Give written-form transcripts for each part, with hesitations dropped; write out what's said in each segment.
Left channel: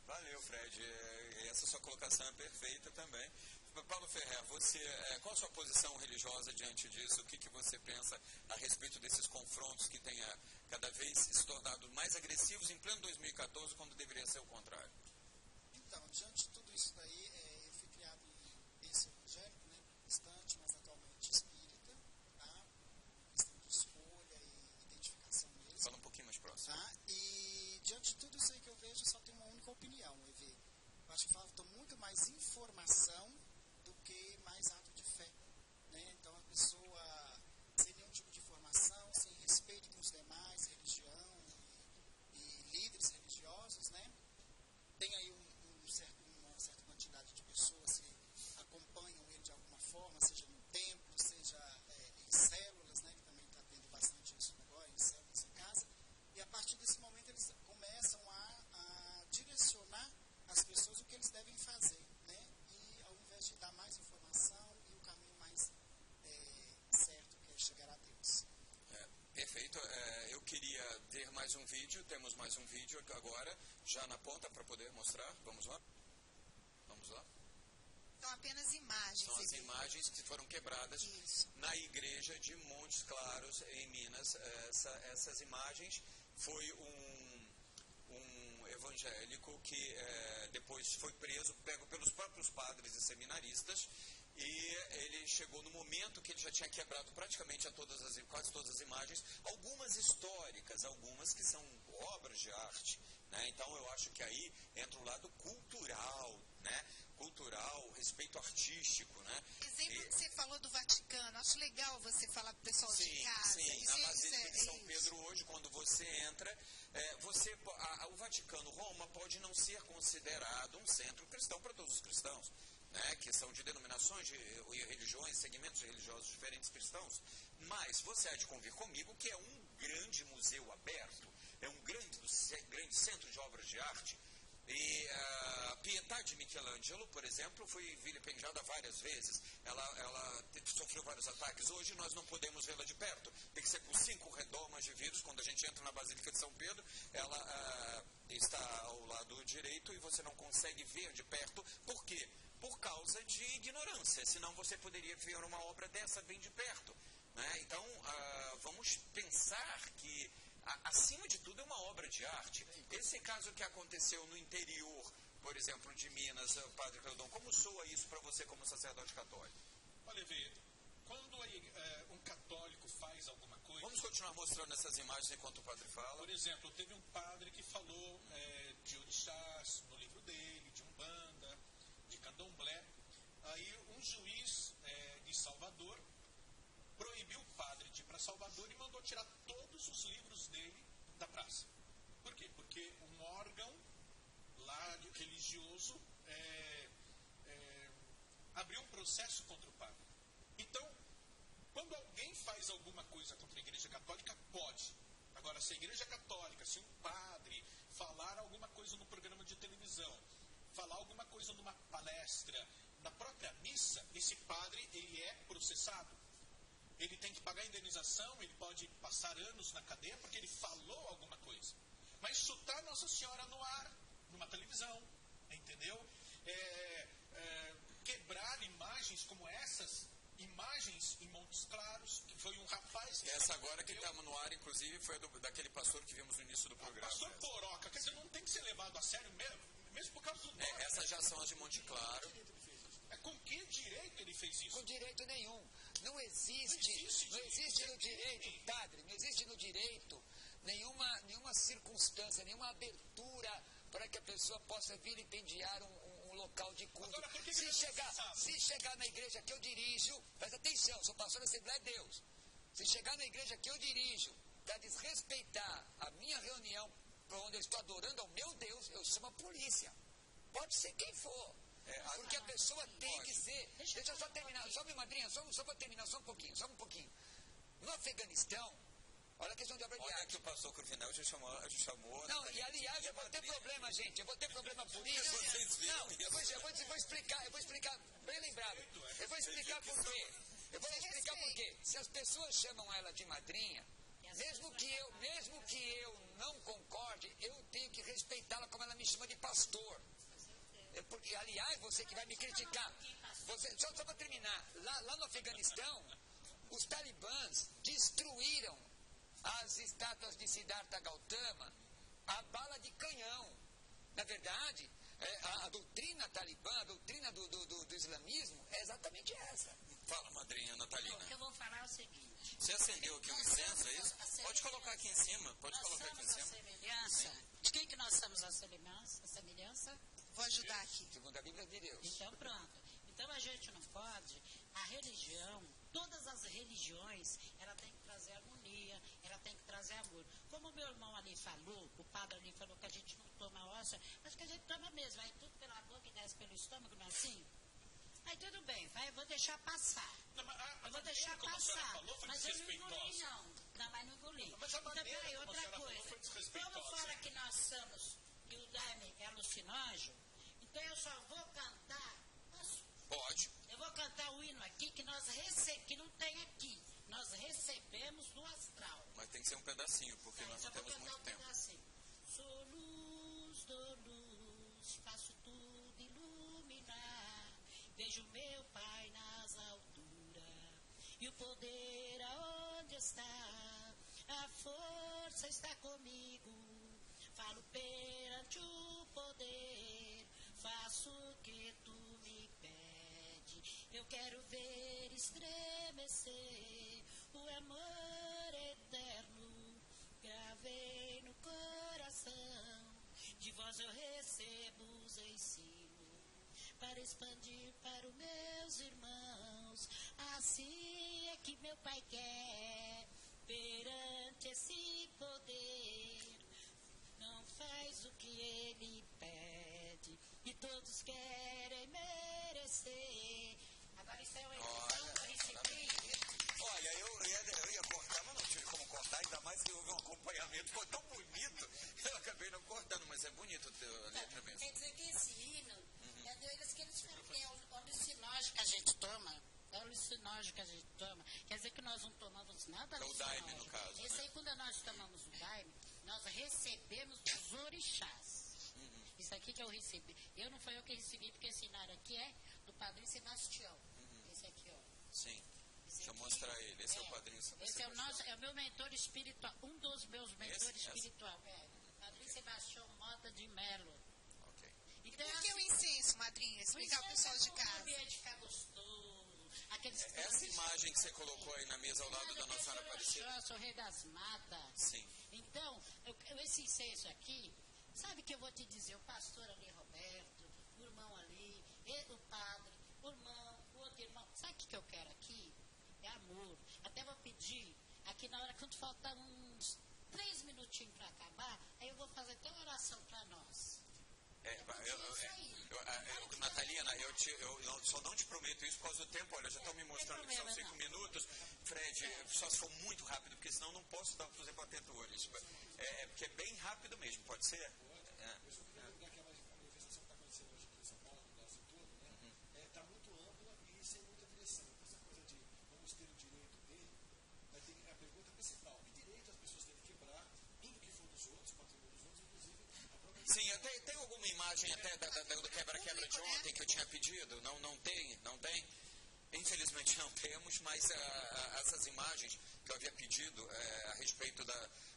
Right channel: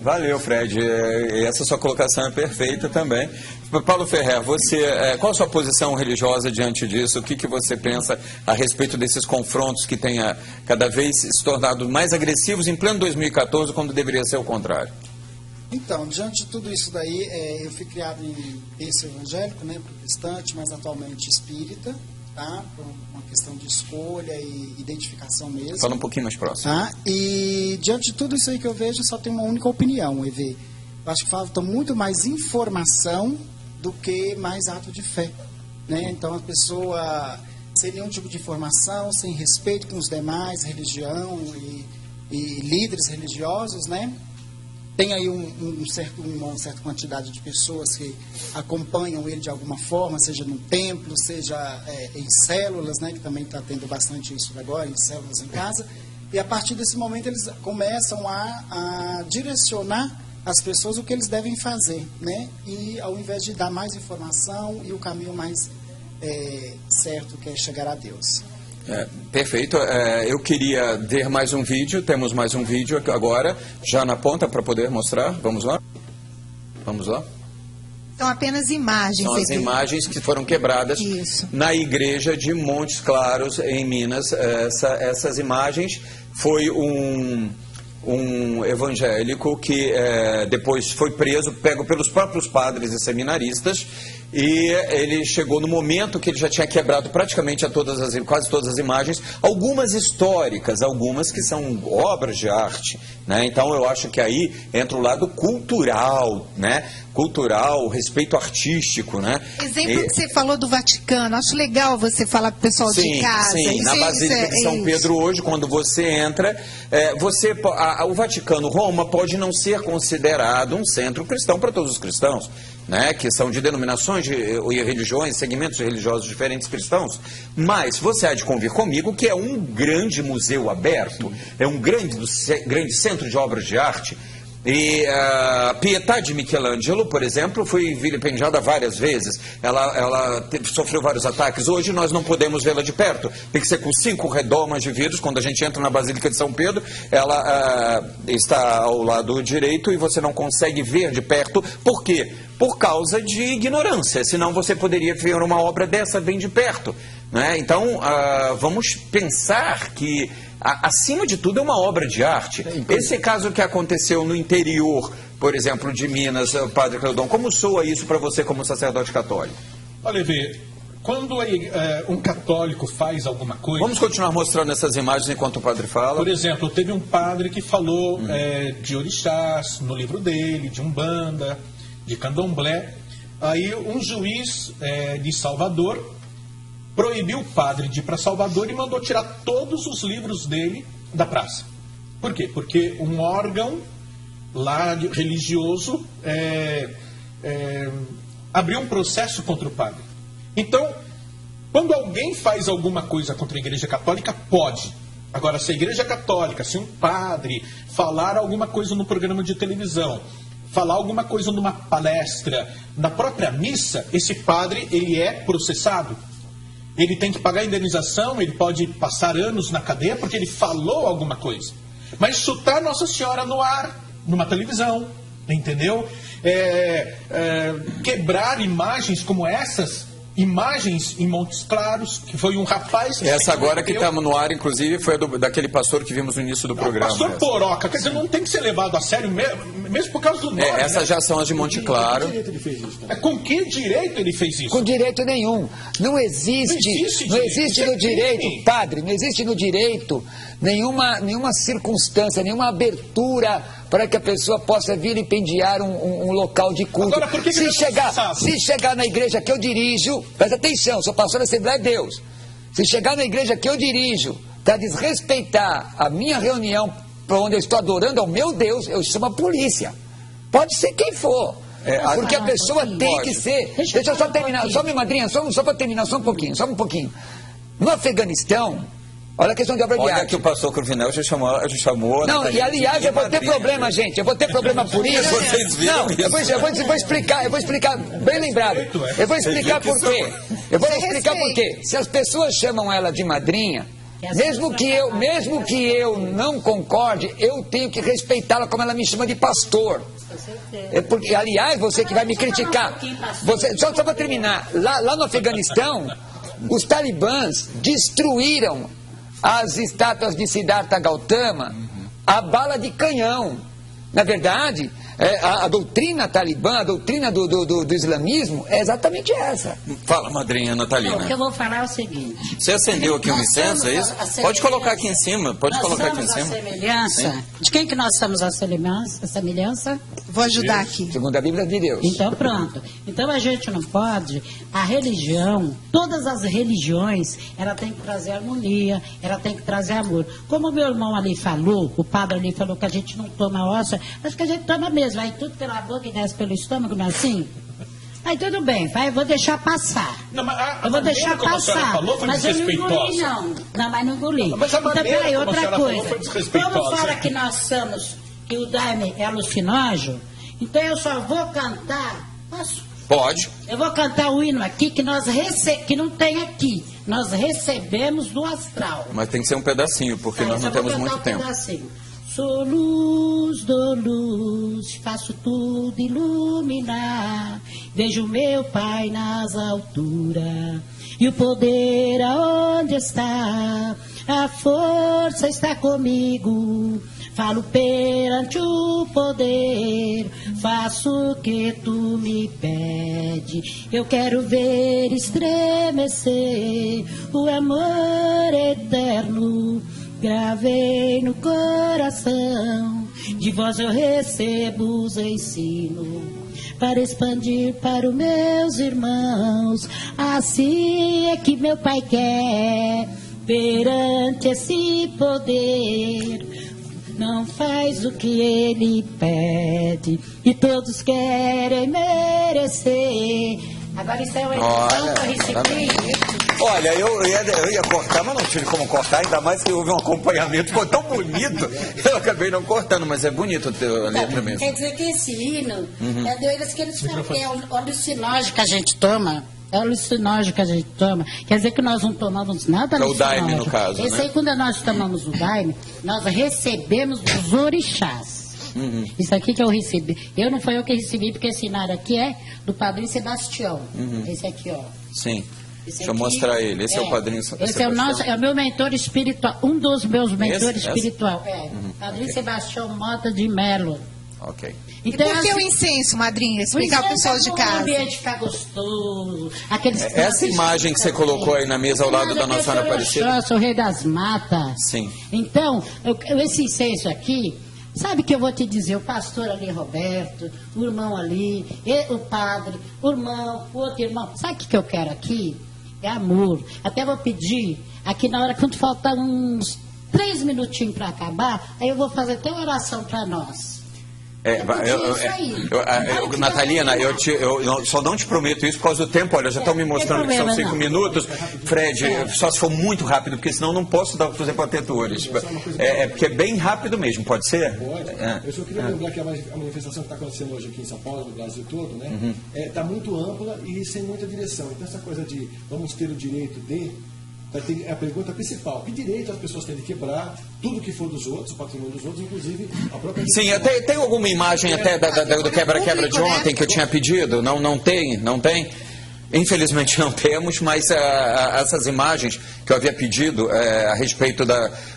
Valeu, Fred. Essa sua colocação é perfeita também. Paulo Ferrer, você, qual a sua posição religiosa diante disso? O que você pensa a respeito desses confrontos que têm cada vez se tornado mais agressivos em pleno 2014, quando deveria ser o contrário? Então, diante de tudo isso daí, eu fui criado em berço evangélico, né, protestante, mas atualmente espírita, tá? Por uma questão de escolha e identificação mesmo. Fala um pouquinho mais próximo. Tá? E diante de tudo isso aí que eu vejo, só tem uma única opinião, EV. Eu acho que falta muito mais informação do que mais ato de fé, né? Então, a pessoa, sem nenhum tipo de informação, sem respeito com os demais, religião e líderes religiosos, né? Tem aí uma certa quantidade de pessoas que acompanham ele de alguma forma, seja no templo, seja em células, né, que também está tendo bastante isso agora, em células em casa. E a partir desse momento eles começam a direcionar as pessoas o que eles devem fazer, né? E ao invés de dar mais informação e o caminho mais certo, que é chegar a Deus. Perfeito. Eu queria ver mais um vídeo. Temos mais um vídeo agora, já na ponta, para poder mostrar. Vamos lá? Vamos lá? São apenas imagens. São as imagens que foram quebradas na igreja de Montes Claros, em Minas. Essas imagens foi um evangélico que depois foi preso, pego pelos próprios padres e seminaristas, e ele chegou no momento que ele já tinha quebrado praticamente quase todas as imagens, algumas históricas, algumas que são obras de arte, né? Então eu acho que aí entra o lado cultural, né? Cultural, respeito artístico, né? Exemplo que você falou do Vaticano, acho legal você falar para o pessoal de casa. Sim, na Basílica de São Pedro hoje, quando você entra, o Vaticano, Roma, pode não ser considerado um centro cristão para todos os cristãos, né, que são de denominações e religiões, segmentos religiosos diferentes cristãos, mas você há de convir comigo que é um grande museu aberto, é um grande centro de obras de arte. E a Pietà de Michelangelo, por exemplo, foi vilipendiada várias vezes. Ela sofreu vários ataques. Hoje nós não podemos vê-la de perto. Tem que ser com 5 redomas de vidros. Quando a gente entra na Basílica de São Pedro, ela está ao lado direito e você não consegue ver de perto. Por quê? Por causa de ignorância. Senão você poderia ver uma obra dessa bem de perto, né? Então, vamos pensar que acima de tudo é uma obra de arte. Esse caso que aconteceu no interior, por exemplo, de Minas, Padre Cleudon, como soa isso para você como sacerdote católico? Olha, Vê, quando um católico faz alguma coisa... Vamos continuar mostrando essas imagens enquanto o padre fala. Por exemplo, teve um padre que falou de orixás no livro dele, de Umbanda, de Candomblé. Aí um juiz de Salvador proibiu o padre de ir para Salvador e mandou tirar todos os livros dele da praça. Por quê? Porque um órgão lá religioso abriu um processo contra o padre. Então, quando alguém faz alguma coisa contra a Igreja Católica, pode. Agora, se a Igreja Católica, se um padre falar alguma coisa no programa de televisão, falar alguma coisa numa palestra, na própria missa, esse padre, ele é processado. Ele tem que pagar indenização, ele pode passar anos na cadeia porque ele falou alguma coisa. Mas chutar Nossa Senhora no ar, numa televisão, entendeu? Quebrar imagens como essas, imagens em Montes Claros, que foi um rapaz... Essa agora que estamos no ar, inclusive, foi daquele pastor que vimos no início do programa. Pastor Poroca, quer dizer, não tem que ser levado a sério mesmo por causa do nome. Essas já são as de Monte Claro. Com que direito ele fez isso? Com direito nenhum. Não existe no direito, padre, não existe no direito nenhuma circunstância, nenhuma abertura para que a pessoa possa vilipendiar um local de culto. Agora, por que se chegar na igreja que eu dirijo, presta atenção, sou pastor da Assembleia de Deus. Se chegar na igreja que eu dirijo para desrespeitar a minha reunião, para onde eu estou adorando ao meu Deus, eu chamo a polícia. Pode ser quem for. Porque a pessoa tem que ser... Deixa eu só terminar, só minha madrinha, só para terminar, só um pouquinho. No Afeganistão, olha a questão de obra de arte. Olha que o pastor Cruvinel já chamou... Não, e aliás, eu vou ter problema, gente. Eu vou ter problema por isso. Vocês viram isso? Eu vou explicar, bem lembrado. Eu vou explicar por quê. Se as pessoas chamam ela de madrinha, Mesmo que eu não concorde, eu tenho que respeitá-la como ela me chama de pastor. Porque, aliás, você que vai me criticar, só para terminar, lá no Afeganistão, os talibãs destruíram as estátuas de Siddhartha Gautama a bala de canhão. Na verdade, a doutrina talibã, a doutrina do islamismo é exatamente essa. Fala, madrinha Natalina. O que eu vou falar é o seguinte. Você acendeu aqui um incenso, é isso? Pode colocar aqui em cima, pode colocar aqui em cima. A semelhança. Sim. De quem que nós somos a semelhança? Vou ajudar aqui. Segundo a Bíblia de Deus. Então, pronto. Então, a gente não pode... A religião, todas as religiões, ela tem que trazer harmonia, ela tem que trazer amor. Como o meu irmão ali falou, o padre ali falou que a gente não toma hóstia, mas que a gente toma mesmo. Vai tudo pela boca e desce pelo estômago, não é assim? Aí tudo bem, eu vou deixar passar. Não, mas eu vou deixar passar. Falou, foi mas eu não engoli, não. Não, mas não engoli. Mas a então, peraí, outra coisa. Como fala que nós somos, que o daime é alucinógeno, então eu só vou cantar. Posso? Pode. Eu vou cantar o hino aqui que que não tem aqui. Nós recebemos do astral. Mas tem que ser um pedacinho, porque nós não temos muito tempo. Pedacinho. Sou luz, dou luz, faço tudo iluminar. Vejo meu Pai nas alturas e o poder aonde está. A força está comigo. Falo perante o poder, faço o que tu me pede. Eu quero ver estremecer o amor eterno. Gravei no coração, de vós eu recebo os ensinos, para expandir para os meus irmãos. Assim é que meu Pai quer, perante esse poder. Não faz o que ele pede, e todos querem merecer. Agora isso é uma edição que eu recebi. Olha, eu ia cortar, mas não tive como cortar, ainda mais que houve um acompanhamento, ficou tão bonito, eu acabei não cortando, mas é bonito a letra mesmo. Quer dizer que esse hino é deles que eles falam que é o alucinógeno que a gente toma. É o alucinógeno que a gente toma. Quer dizer que nós não tomamos nada alucinógeno. É o daime, no caso, esse aí, quando nós tomamos o daime, nós recebemos dos orixás. Isso aqui que eu recebi. Não foi eu que recebi, porque esse inário aqui é do Padrinho Sebastião. Esse aqui, ó. Sim. Deixa eu mostrar ele. Esse é o Padrinho Sebastião. Esse é o meu mentor espiritual. Um dos meus mentores espirituais. Padrinho Sebastião Mota de Melo. Ok. Então, e por que o incenso, madrinha? Explicar para o pessoal de casa. O ambiente ficar gostoso. Essa imagem que você colocou aí na mesa ao lado da Nossa Senhora Aparecida. Eu sou o rei das matas. Sim. Então, esse incenso aqui, sabe que eu vou te dizer, o pastor ali, Roberto, o irmão ali, o padre, o irmão, o outro irmão. Sabe o que eu quero aqui? É amor. Até vou pedir, aqui na hora, quando faltar uns 3 minutinhos para acabar, aí eu vou fazer até uma oração para nós. Natalina, eu só não te prometo isso por causa do tempo. Olha, já estão me mostrando que são 5 minutos. Fred, só se for muito rápido, porque senão não posso fazer para atentores. Porque é bem rápido mesmo, pode ser? Pode. Eu só queria lembrar que a manifestação que está acontecendo hoje aqui em São Paulo, no Brasil todo, né? Está muito ampla e sem muita direção. Então, essa coisa de vamos ter o direito de... É a pergunta principal. Que direito as pessoas têm de quebrar tudo que for dos outros, o patrimônio dos outros, inclusive a própria... Sim, tem alguma imagem até do quebra-quebra de ontem que eu tinha pedido? Não tem? Infelizmente não temos, mas essas imagens que eu havia pedido a respeito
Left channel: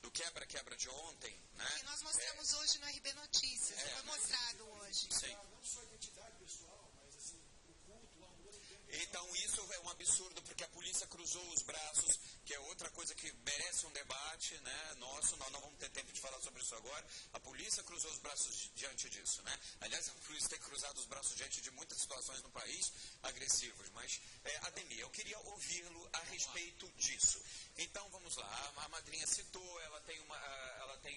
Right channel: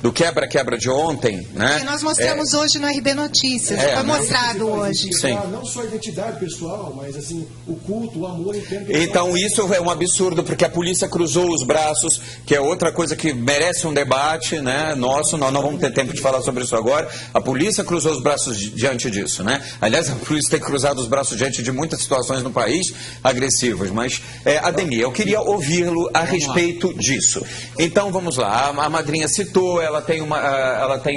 do quebra-quebra de ontem, né? Que nós mostramos hoje no RB Notícias, foi mostrado hoje. Sim. Não só a identidade pessoal, mas assim, o culto, o amor interno. Então isso é um absurdo, porque a polícia cruzou os braços, que é outra coisa que merece um debate, né? Nosso, nós não vamos ter tempo de falar sobre isso agora. A polícia cruzou os braços diante disso, né? Aliás, a polícia tem cruzado os braços diante de muitas situações no país agressivas, mas Ademir, eu queria ouvi-lo a respeito disso. Então, vamos lá. A madrinha citou, ela tem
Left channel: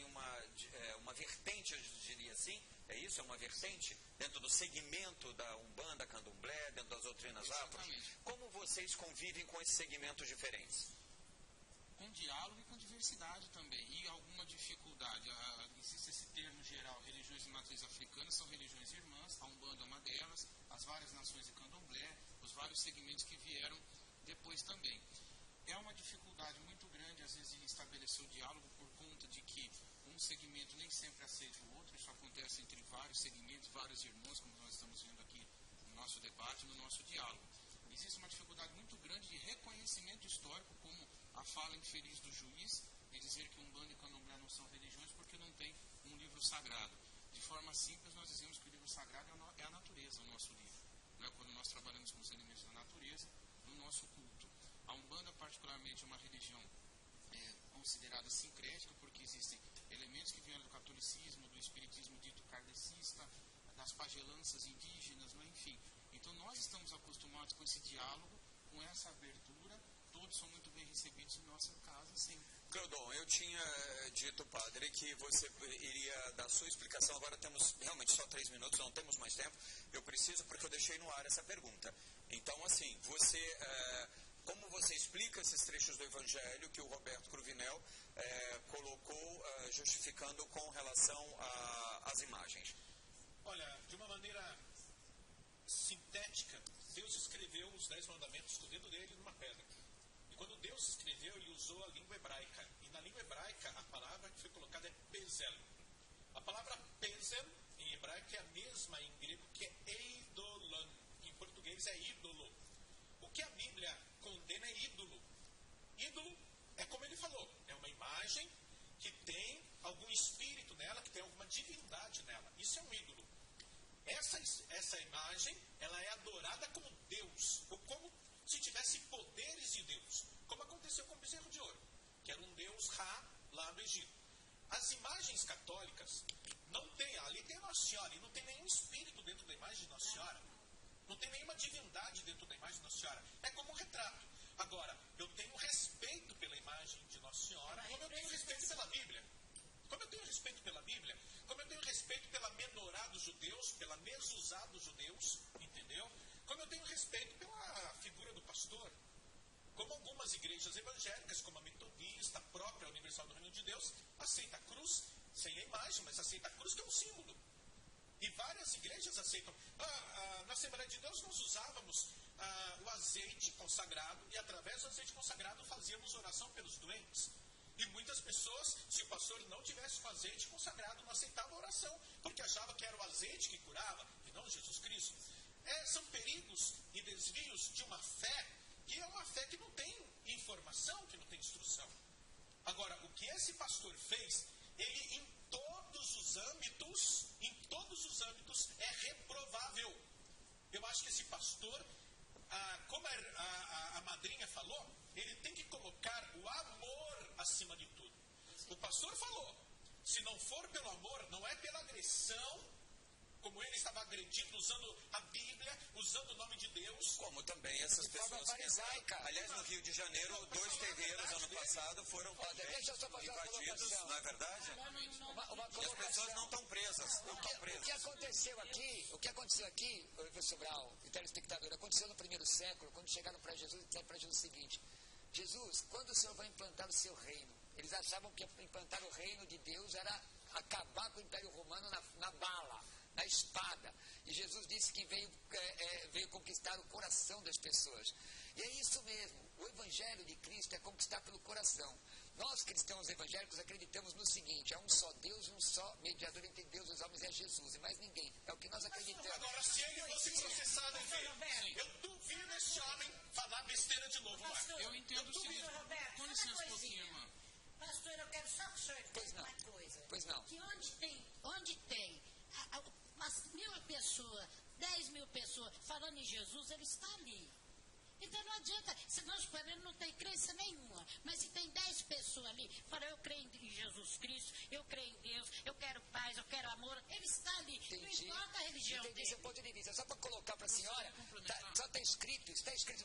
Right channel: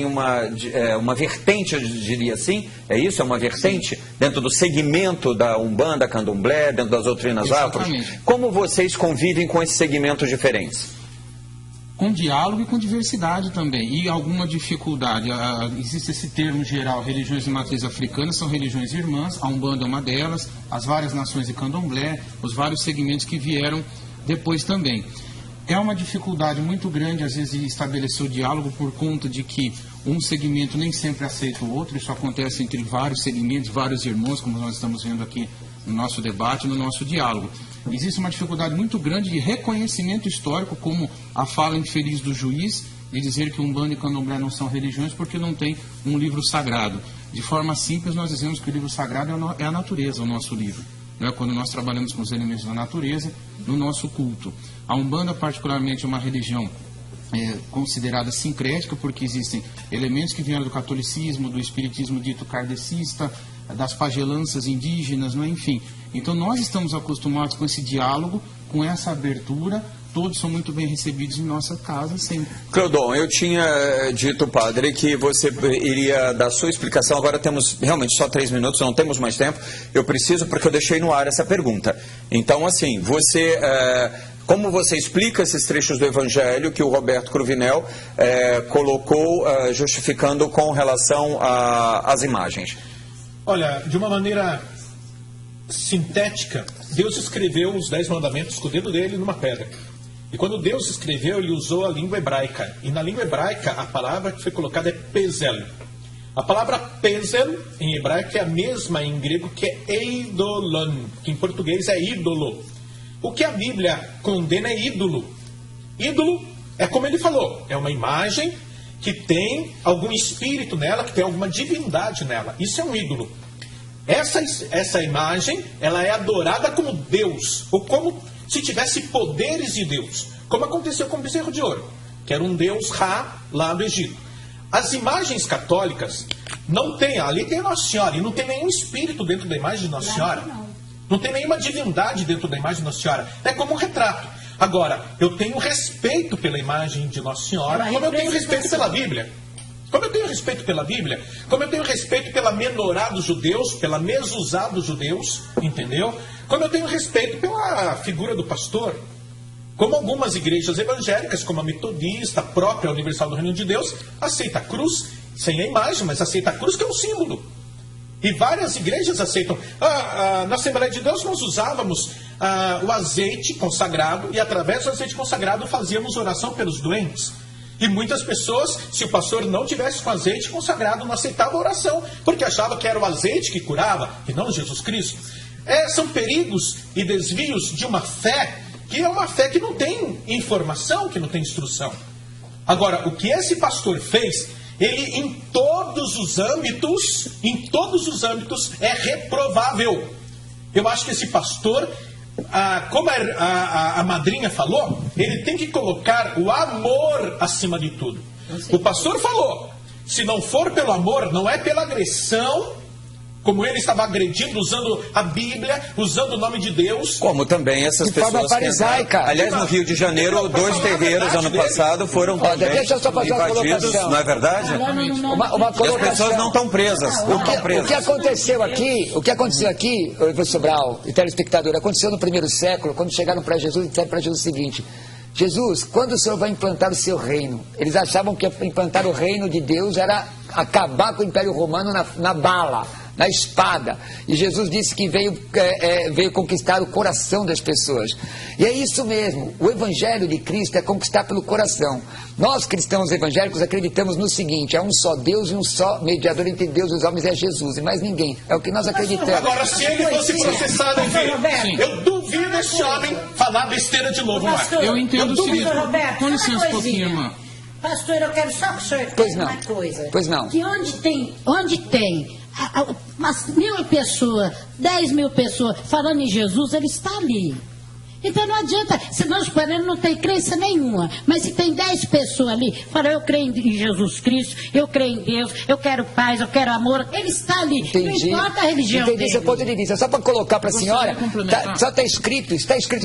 uma vertente, eu diria assim, é isso? É uma vertente dentro do segmento da Umbanda, Candomblé, dentro das doutrinas afros. Como vocês convivem com esses segmentos diferentes? Com diálogo e com diversidade também, e alguma dificuldade. Existe esse termo geral, religiões de matriz africana são religiões irmãs, a Umbanda é uma delas, as várias nações de Candomblé, os vários segmentos que vieram depois também. É uma dificuldade muito grande, às vezes, de estabelecer o diálogo por conta de que um segmento nem sempre aceita o outro. Isso acontece entre vários segmentos, vários irmãos, como nós estamos vendo aqui no nosso debate, no nosso diálogo. Existe uma dificuldade muito grande de reconhecimento histórico, como a fala infeliz do juiz, de dizer que Umbanda e Candomblé não são religiões porque não tem um livro sagrado. De forma simples, nós dizemos que o livro sagrado é a natureza, o nosso livro. Né? Quando nós trabalhamos com os elementos da natureza, no nosso culto. A Umbanda, particularmente, é uma religião considerada sincrética, porque existem elementos que vieram do catolicismo, do espiritismo dito kardecista, das pagelanças indígenas, né? Enfim. Então, nós estamos acostumados com esse diálogo, com essa abertura. Todos são muito bem recebidos em nossa casa, sempre. Cleudon, eu tinha dito, padre, que você iria dar sua explicação. Agora temos realmente só 3 minutos, não temos mais tempo. Eu preciso, porque eu deixei no ar essa pergunta. Então, assim, você... como você explica esses trechos do Evangelho que o Roberto Cruvinel colocou, justificando com relação às imagens? Olha, de uma maneira sintética, Deus escreveu os 10 mandamentos com o dedo dele numa pedra. E quando Deus escreveu, ele usou a língua hebraica. E na língua hebraica, a palavra que foi colocada é pezel. A palavra pezel, em hebraico, é a mesma em grego que é eidolon, que em português é ídolo. O que a Bíblia condena é ídolo. Ídolo é como ele falou, é uma imagem que tem algum espírito nela, que tem alguma divindade nela. Isso é um ídolo. Essa imagem, ela é adorada como Deus, ou como se tivesse poderes de Deus, como aconteceu com o bezerro de ouro, que era um deus Ra lá do Egito. As imagens católicas não tem, ali tem Nossa Senhora, e não tem nenhum espírito dentro da imagem de Nossa Senhora. Não tem nenhuma divindade dentro da imagem de Nossa Senhora. É como um retrato. Agora, eu tenho respeito pela imagem de Nossa Senhora, como eu tenho respeito pela Bíblia. Como eu tenho respeito pela Bíblia, como eu tenho respeito pela menorá dos judeus, pela mezuzá dos judeus, entendeu? Como eu tenho respeito pela figura do pastor. Como algumas igrejas evangélicas, como a metodista, a própria Universal do Reino de Deus, aceita a cruz, sem a imagem, mas aceita a cruz que é um símbolo. E várias igrejas aceitam. Na Assembleia de Deus nós usávamos o azeite consagrado e através do azeite consagrado fazíamos oração pelos doentes. E muitas pessoas, se o pastor não tivesse com azeite consagrado, não aceitava a oração, porque achava que era o azeite que curava, e não Jesus Cristo. São perigos e desvios de uma fé, que é uma fé que não tem informação, que não tem instrução. Agora, o que esse pastor fez, ele em todos os âmbitos, é reprovável. Eu acho que esse pastor, como a madrinha falou, ele tem que colocar o amor acima de tudo. O pastor falou, se não for pelo amor, não é pela agressão, como ele estava agredindo, usando a Bíblia, usando o nome de Deus. Como também essas de pessoas forma farisaica. Aliás, no Rio de Janeiro, 2 terreiros ano passado foram também deixa eu só fazer uma invadidos, colocação. não é verdade? Uma colocação. E as pessoas não estão presas. O que aconteceu aqui, professor Brau e telespectador, aconteceu no primeiro século, quando chegaram para Jesus e disseram para Jesus o seguinte: Jesus, quando o Senhor vai implantar o seu reino? Eles achavam que implantar o reino de Deus era acabar com o Império Romano na bala, na espada. E Jesus disse que veio conquistar o coração das pessoas. E é isso mesmo. O Evangelho de Cristo é conquistar pelo coração. Nós, cristãos evangélicos, acreditamos no seguinte: há um só Deus e um só mediador entre Deus e os homens, é Jesus, e mais ninguém. É o que nós acreditamos. Agora, se ele fosse processado, eu duvido esse homem falar besteira de novo. Eu entendo o seguinte. Com licença um pouquinho, irmã. Pastor, eu quero só que o senhor Pois uma não. coisa. Pois não. Que onde tem umas 1.000 pessoas, 10.000 pessoas falando em Jesus, ele está ali. Então não adianta, se nós paramos, não tem crença nenhuma. Mas se tem 10 pessoas ali, falam, eu creio em Jesus Cristo, eu creio em Deus, eu quero paz, eu quero amor, ele está ali. Entendi. Não importa a religião Entendi dele. seu ponto de vista. Só para colocar para a senhora, só está escrito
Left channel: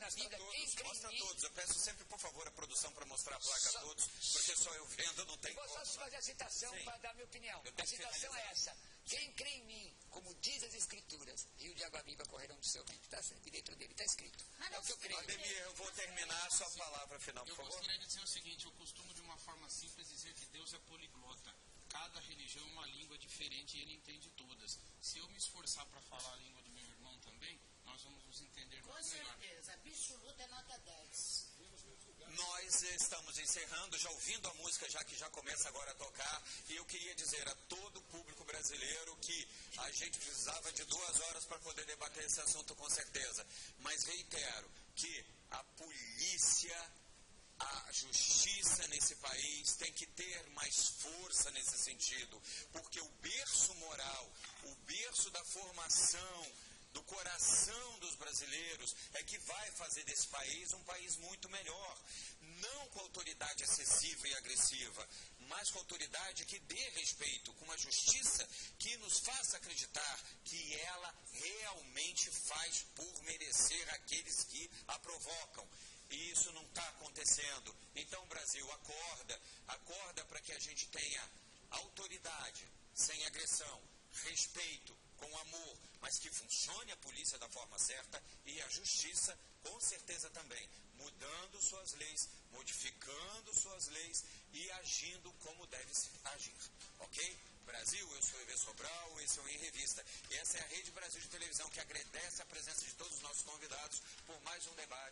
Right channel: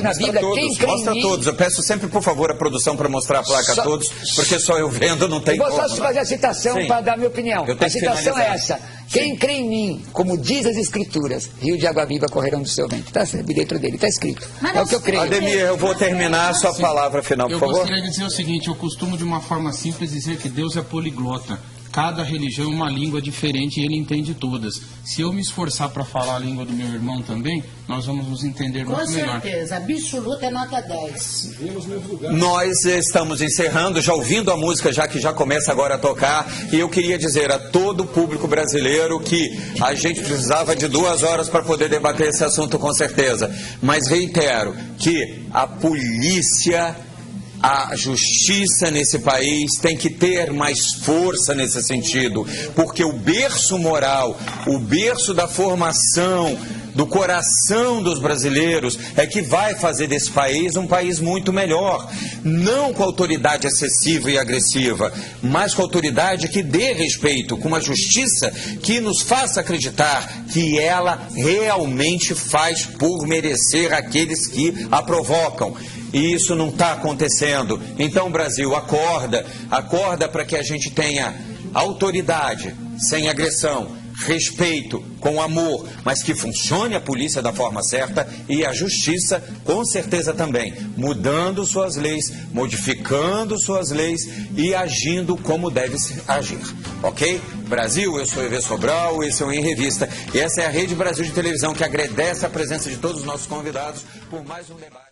na Bíblia, quem crê mostra em mim... todos. Eu peço sempre, por favor, a produção para mostrar a placa a todos, porque só eu vendo não tem como. como. Vou só fazer a citação para dar minha opinião. A citação é essa: quem crê em mim, como diz as Escrituras, rio de água viva correrão do seu ventre. Está dentro dele, está escrito. É o que eu creio. Ademir, eu vou terminar a sua palavra final, por favor. Eu gostaria de dizer o seguinte: eu costumo, de uma forma simples, dizer que Deus é poliglota. cada religião é uma língua diferente e ele entende todas. Se eu me esforçar para falar a língua do meu irmão também, nós vamos nos entender muito melhor. Com certeza, absoluta é nota 10. Nós estamos encerrando, já ouvindo a música, já que já começa agora a tocar, e eu queria dizer a todo o público brasileiro que a gente precisava de 2 horas para poder debater esse assunto com certeza. Mas reitero que a polícia, a justiça nesse país tem que ter mais força nesse sentido, porque o berço moral, o berço da formação, do coração dos brasileiros é que vai fazer desse país um país muito melhor. Não com autoridade excessiva e agressiva, mas com autoridade que dê respeito, com uma justiça que nos faça acreditar que ela realmente faz por merecer aqueles que a provocam. E isso não está acontecendo. Então, Brasil, acorda para que a gente tenha autoridade, sem agressão, respeito, com amor, mas que funcione a polícia da forma certa e a justiça, com certeza também, mudando suas leis, modificando suas leis e agindo como deve agir, ok? Brasil, eu sou Evê Sobral, esse é o Em Revista, e essa é a Rede Brasil de Televisão que agradece a presença de todos os nossos convidados por mais um debate.